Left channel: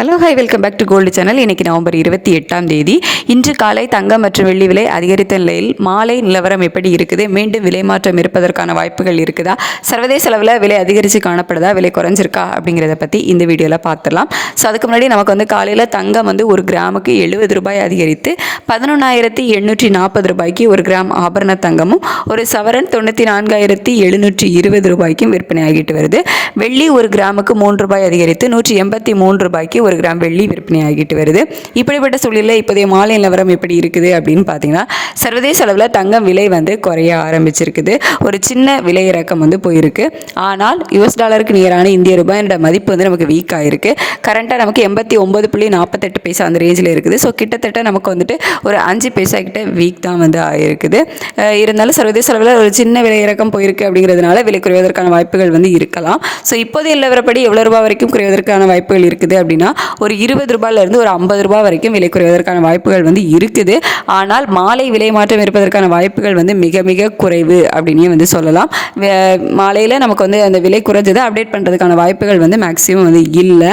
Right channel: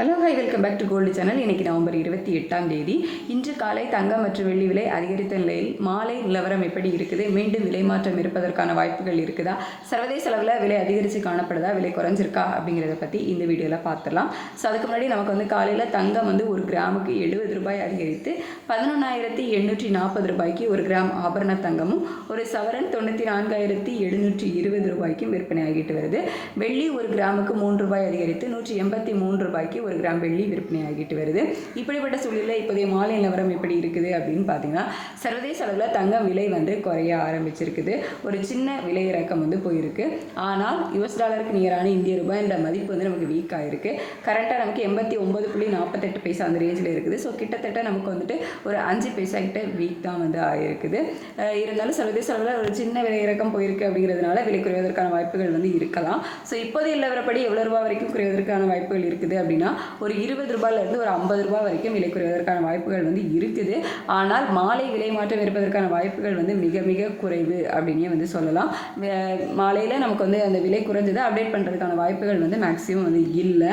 Hello hi welcome back to gold channel. இன்றைக்கி November 28ஆம் தேதி. இன்று காலை தங்கம் மற்றும் வெள்ளி விலை அதிகரித்த நிலையில் மாலை நிலவரம் எப்படி இருக்குது? மீண்டும் விலை மாற்றம் இருப்பதற்கான வாய்ப்புகள் இருக்குதா? சர்வதேச அளவில் விலை அதிகரித்து காணப்படுதா, விலை குறைஞ்சிருக்கா அப்படிங்கிறத பற்றி இந்த வீடியோவில் பார்த்துடலாம். ஸோ அதுக்கு முன்னாடி நமக்கு காலையில் தங்கம் ஒரு கிராமுக்கு 70 ரூபாய் அதிகரித்து 11,840 ரூபாய்க்கு ஒரு கிராம் ஆபரண தங்கமும் ஒரு சவரன் 94,720 ரூபாய்க்கும் விற்பனை ஆகிட்டு வருது. வெள்ளி ஒரு கிராமுக்கு 3 ரூபாய் அதிகரித்து 183 ரூபாய்க்கு ஒரு கிராம் வெள்ளி விற்பனை ஆகிட்டு வருது. இப்படிப்பட்ட சூழலில் இப்போதைய மாலை நிலவரம் எப்படி இருக்குது அப்படின்னு பார்த்தீங்கன்னா, சர்வதேச அளவில் தங்கம் விலை குறைய ஆரம்பிச்சிருக்குது. ஒரு சின்ன விலை இறக்கம் போயிருக்கு. ஆனால் US டாலருக்கு நிகரான இந்திய ரூபாயோட மதிப்பு நமக்கு வீக் ஆகிருக்கு. கரண்ட்டாக நமக்கு 89.48 பைசா அந்த ரேஞ்சில் இருக்குது. ஸோ கிட்டத்தட்ட நமக்கு ஒரு 5 பைசா கிட்ட வீக் தான் ஆகிருக்குது. இருந்தாலும் சர்வதேச அளவில் ஒரு சின்ன விலை இறக்கம் போயிருக்கு அப்படிங்கிறதுனால விலை குறைவதற்கான வாய்ப்புகள் இருக்கலாம். ஸோ இப்போதைய நிலவரப்படி எவ்வளோ ரூபாய் வரைக்கும் குறைவதற்கான வாய்ப்புகள் இருக்குது அப்படின்னா, ஒரு 20 ரூபாயிலிருந்து ஒரு 50 ரூபாய் வரைக்கும் விலை குறைவதற்கான வாய்ப்புகள் இருக்குது. ஆனால் மாலை விலை மாற்றம் இருப்பதற்கான வாய்ப்புகள் மிக மிக குறைவு அப்படின்னே சொல்லலாம். மாலையில் நமக்கு அந்த விலை குறைஞ்சதை அப்டேட் பண்ணுறதுக்கான வாய்ப்புகள் மேக்ஸிமம் இல்லை.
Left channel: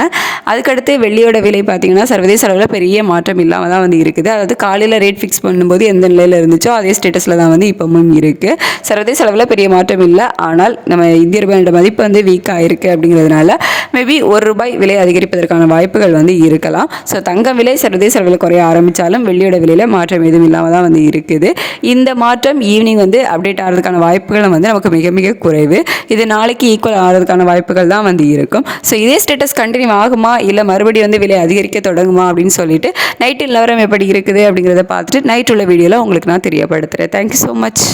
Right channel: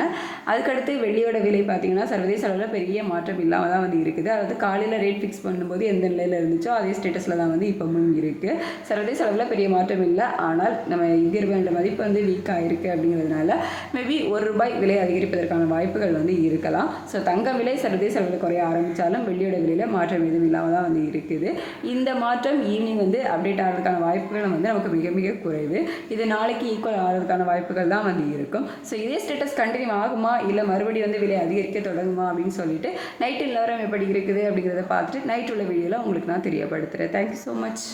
அதுக்கடுத்து வெள்ளியோட விலை பார்த்திங்கன்னா சர்வதேச அளவில் பெரிய மாற்றம் இல்லாமல் தான் இருக்குது. அதாவது காலையில் ரேட் ஃபிக்ஸ் பண்ணும்போது எந்த நிலையில் இருந்துச்சோ அதே ஸ்டேட்டஸில் தான் இப்போவும் இருக்குது. சர்வதேச அளவில் பெரிய மாற்றம் இல்லை. ஆனால் நம்ம இந்திய ரூபாயோட மதிப்பு வீக் ஆகிருக்கு அப்படிங்கிறதுனால மேபி ₹1 விலை அதிகரிப்பதற்கான வாய்ப்புகள் இருக்கலாம். ஸோ தங்கம் விலை சர்வதேச அளவில் குறைய ஆரம்பித்தாலும் வெள்ளியோட விலையில் மாற்றம் எதுவும் இல்லாமல் தான் இருக்குது. இந்த மாற்றம் ஈவினிங் அப்டேட் ஆகிறதுக்கான வாய்ப்புகளும் நமக்கு மிக மிக குறைவு. இது நாளைக்கு ஈக்குவல் ஆகிறதுக்கான வாய்ப்புகள் தான் இருக்கும். ஸோ இதே ஸ்டேட்டஸ் கண்டினியூ ஆகுமா இல்லை மறுபடியும் விலை அதிகரிக்க தொடங்குமா அப்படின்னு சொல்லிட்டு நைட்டு நிலவரம் எப்படி இருக்குது அப்படிங்கிறத பார்த்துட்டு நைட் உள்ள வீடியோவில் உங்களுக்கு நான் தெரியப்படுத்துகிறேன். Thank you so much.